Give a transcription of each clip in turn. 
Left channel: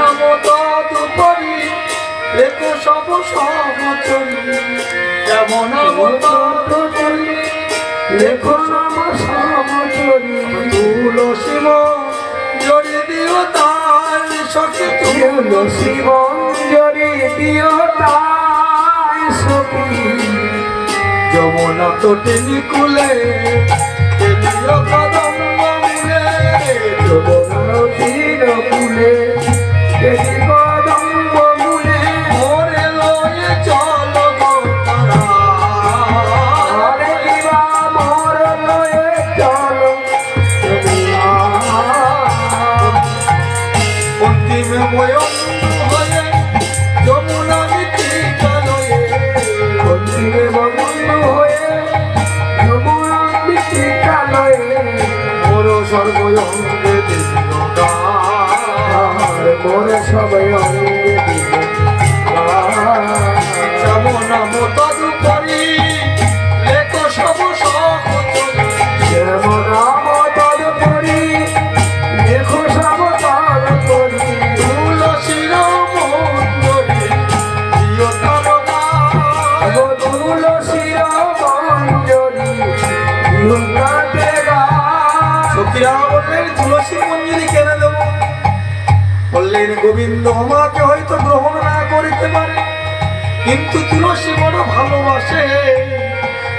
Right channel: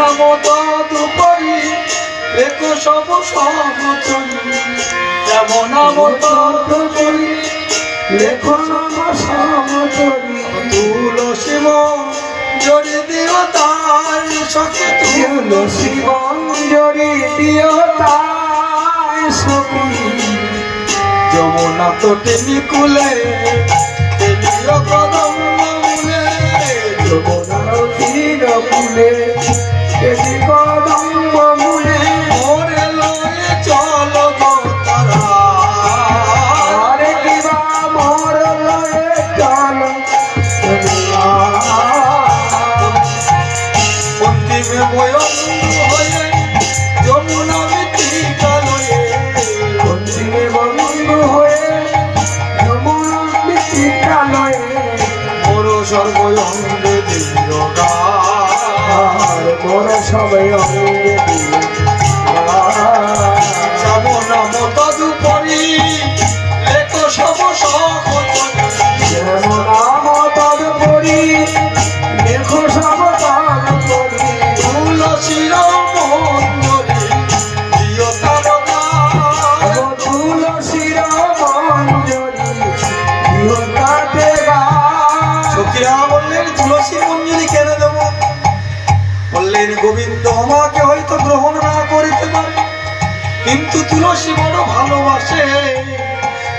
নাম তদুপরি রেখো সব সমচরি। যেমন তদুপরি রেখো সব সমচরি। তুলসী জড়ি দিও তার, সখী তুলসী মঞ্জরি দিও তাই সখী। যমুনা তো টেলিকুলে টেলিও কদম মূলে, যমুনার তীর আর মোর সবাই অঙ্গে দিল যমুনা মতদুপরি লেখো সব সকল যেমন আমার তদুপরি দেখো সব তদুপরি তুলসীর তারকা তুলসীর মঞ্জরি তুলসী মঞ্জুরি কেনে দেব বললেন, গোবিন্দ, আমাকে হয়তো গ্রহণ না করিতে পারে, কিন্তু তুলসী বড় ভালোবাসে।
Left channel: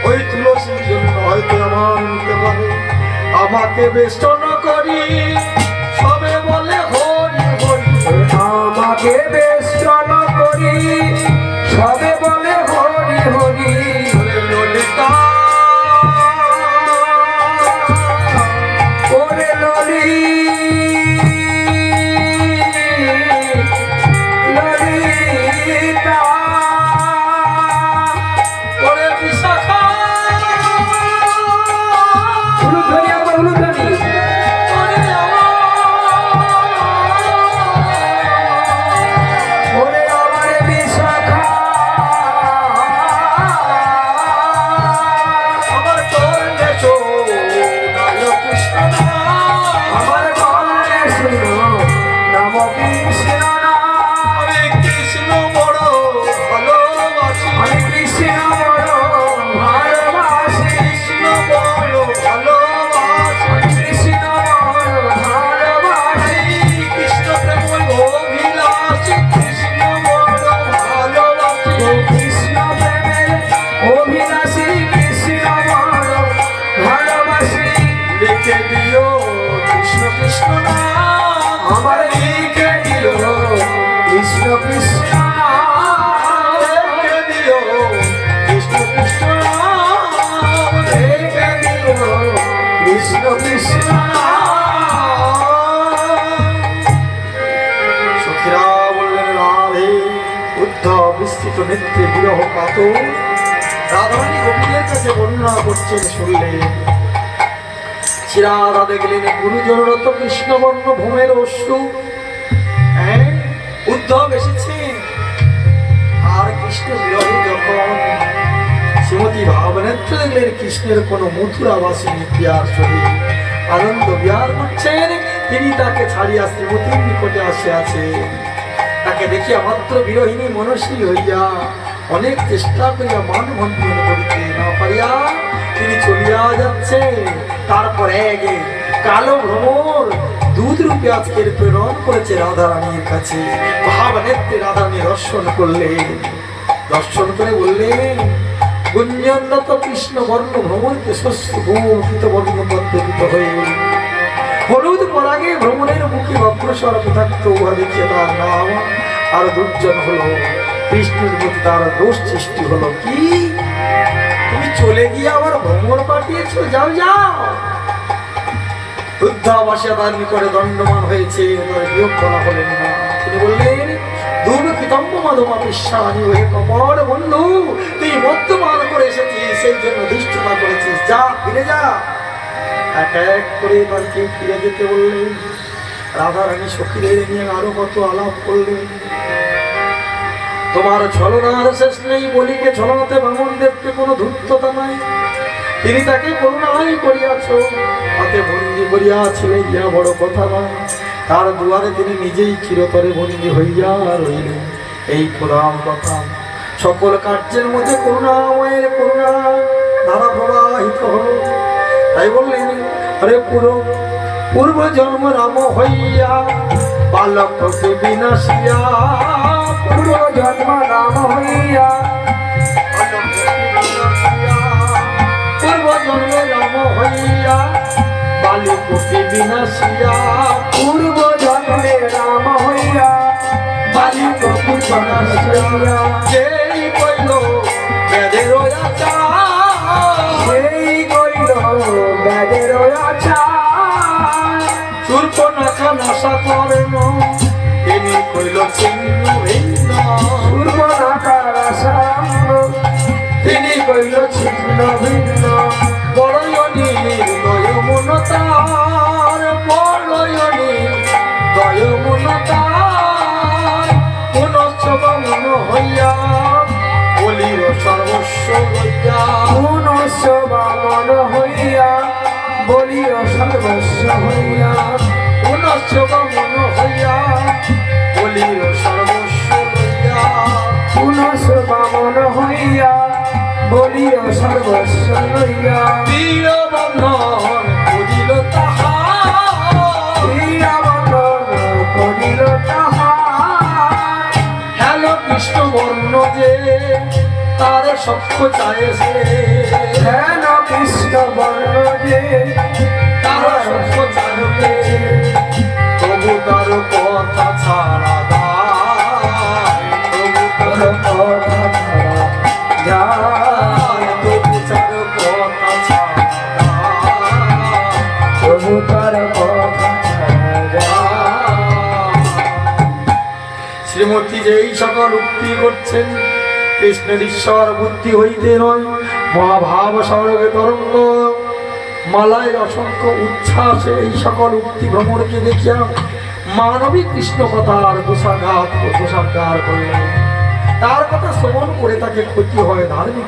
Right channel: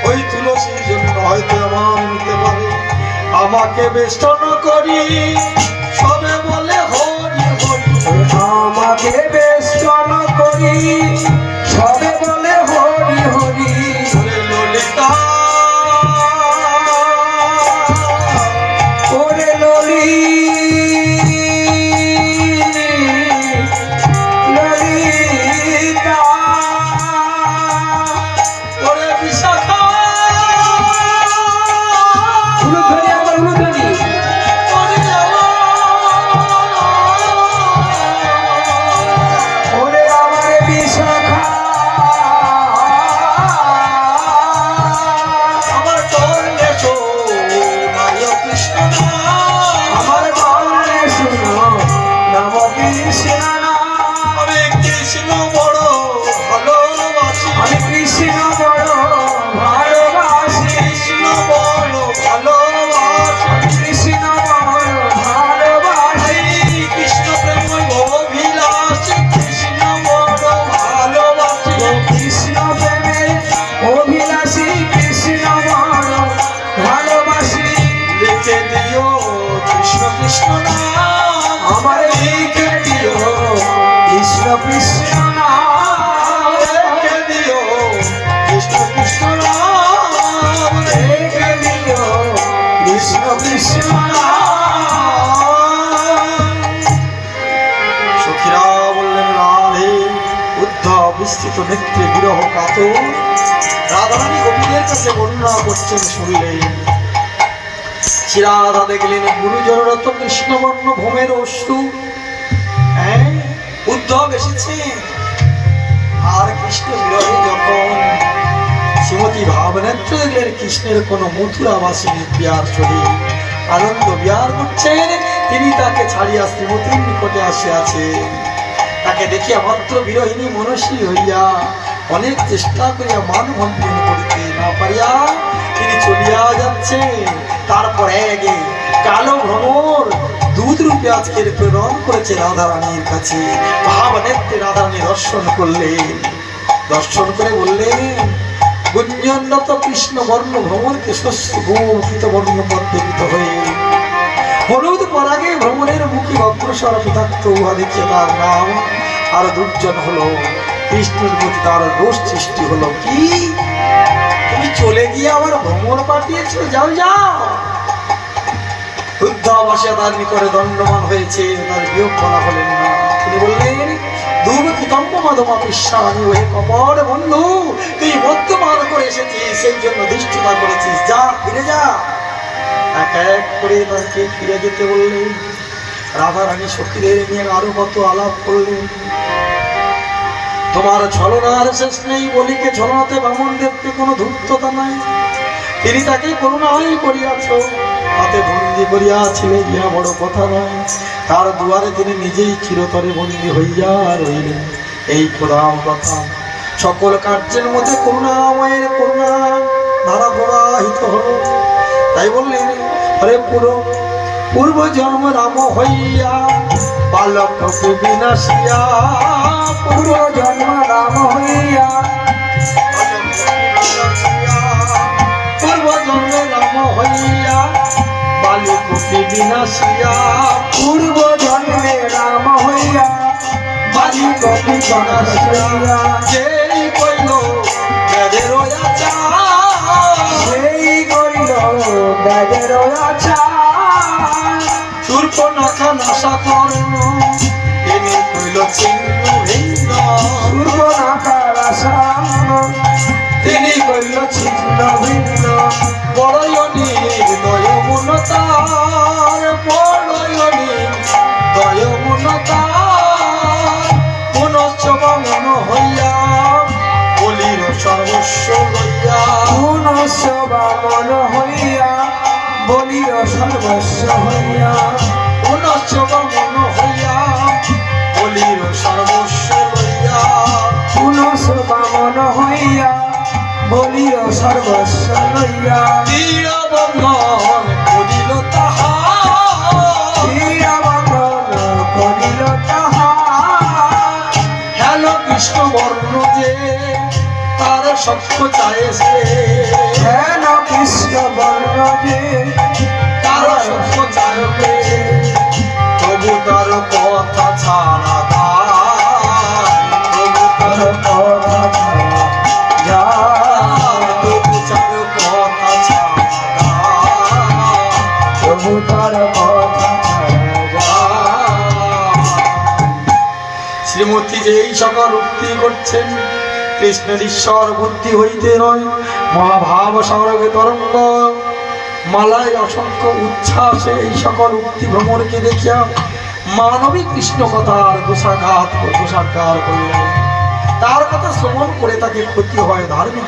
ওই তুলসীর জন্য হয়তো আমার নিতে পারে। আমাকে বেষ্টন করি, সবে বলে হরি হরি। আমাকে কৃষ্ণ নেত্রে বিরহ কাত রাধারানী গোপীদের কাছে বর্ণনা করছেন শুনলেন শ্রীরাধা দেখলেন গুরুজনরত কৃষ্ণবর্ণ ভূমের অশ্রু। হ্যাঁ উদ্ধব এসেছে। আর কৃষ্ণ বিরহে যখন শ্রীমতী ভাবনেত্র দেখলেন কৃষ্ণের কোনো মথুরা বাসিনী বিয়ার শরীর আনন্দ বিহার করছেন, তিনি তাকে ছাড়িয়া শ্রীমতীর নিকটে আসিয়াছেন। তাকে দেখিয়া মাত্র বিরোহিনী মনস্বী হইয়া অনেক চেষ্টা করিয়া মান ভঞ্জন করিতে না পারিয়া তিনি চলিয়া যাচ্ছে। তারপর এগে কালো ভ্রমর দুধ রূপে আজকের প্রেরণ করেছে রাধারানীর কাছে। ভাবনেত্রে রাধারানী দর্শন করলেন। দর্শন করে বললেন, গুঞ্জনরত কৃষ্ণ বর্ণ ভ্রমণকে শস্য ভূমিত বর্ণ পদ্মিত হয়ে। হলুদ পরাগে ভ্রমণের মুখে অগ্রসর পিতাক্ত উহা দেখিয়ে তার নাম আর দুর্জন হলো কৃষ্ণের প্রতি তার দোষ সৃষ্টি হলো কি? তুমি চলে গিয়ে আবার ভ্রমণ পাঠিয়েছো, যাও যাও। বৃদ্ধাবাসিয়া তার নিকটে দণ্ডমান হয়েছে, তার বিয়োগ করা হলেন না। তিনি বললেন দুর্গিতম্ব মাধমা বিশ্বানী হয়ে কপট বন্ধু, তুই মদ্যপান করে এসেছিস, সেই জন্য দুষ্টতা করেছিস। যা, ফিরে যা। এক এক করে তাকে ফিরে যেতে বললেন। রাধা রানী সখীদের নিয়ে আরও কত আলাপ করলেন তোমার ছলনার শেষ নেই বলিকে ছলনাতে বামন দেবকে কোনো ধূর্ততা নাই। তিনি তাকে করুণাই করিয়াছ হাতে বন্দি করিয়াছিলেন ইহা বড় কথা নয়। তার দুয়ারে তিনি নিজেই চিরতরে বন্দী হইয়া রইলেন এই প্রধান কথা। সকল কার্যের মধ্যে করুণাময়ের করুণা ধারা প্রবাহিত হলো। তাই বললেন হরে পুরো পূর্ব জন্ম রাম হইয়া, বালক বিনাশিয়া। পূর্ব জন্ম রাম হইয়া পূর্ব জন্ম রাম হইয়া, বালক বিনাশিয়া। পূর্ব রাম হইয়া বালি কপি করেন তিনি কইল চিহ্ন ভিন্ন। নাকার আসাম তিনি কইল ছিন্ন ভিন্ন। বড়য়নি দয় মনতার বড়য়নি দয় মনতার মনচ্ছব মন হইয়া বলির সর্বস্ব হইয়া। বলিও সর্বস্ব হইয়া। সত্য চায় সে। হেন কৃষ্ণ বর্ণ যে? তার সত্য চায় তবু তার কথা ছাড়া তবু তার দায়, তবু তার কথা ছাড়া দায়। তার কথা শ্রীমতী যে এই সকল উক্তি করছেন কৃষ্ণের ঈশ্বর বুদ্ধি হইতে নয়, মহাভাব সড়কে তরঙ্গ। মালায় অসংখ্য উচ্ছ্বাসে এই সকল উক্তি ভ্রমণকে দেখিয়া মানবিক কৃষ্ণ কথার দোষাকার করলেন তার কথা শ্রবণ করে তাকে ক্ষতি হয় ধার্মিক